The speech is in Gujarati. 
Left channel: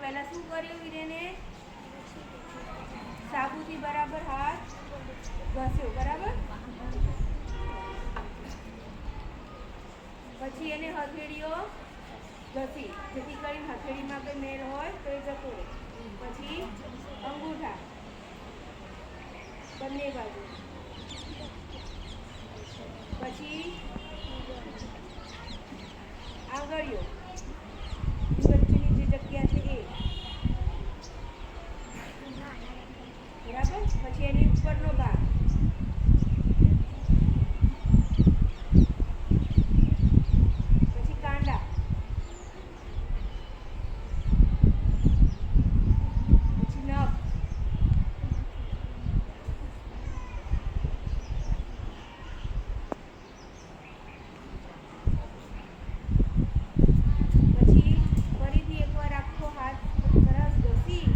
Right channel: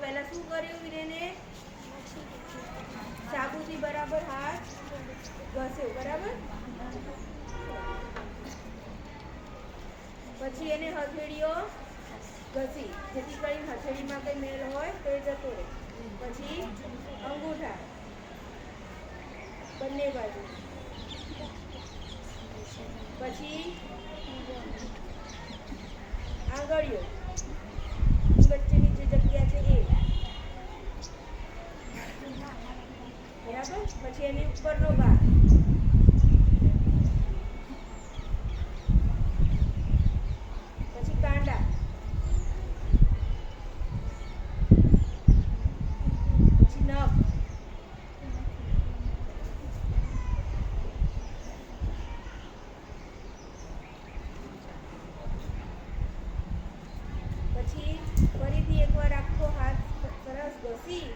પહેલા શું કર્યું વીરેને? સાબુથી બરાબર હાથ ઘસ્યો, બરાબર? પછી એને હથેળીઓ ઘસી, જેથી કરીને હથેળીમાં કંઈ મેલ હોય તો એ જતો રહે. પછી અંગૂઠા બંને બાજુ, પછી આંગળીઓ વચ્ચેની જે જગ્યા છે એ, બરાબર? પછી એની ઉપરનો ભાગ, પછી કાંડા, પછી નખ, પછી ફરીથી એકવાર આખો હાથ સરસ ઘસી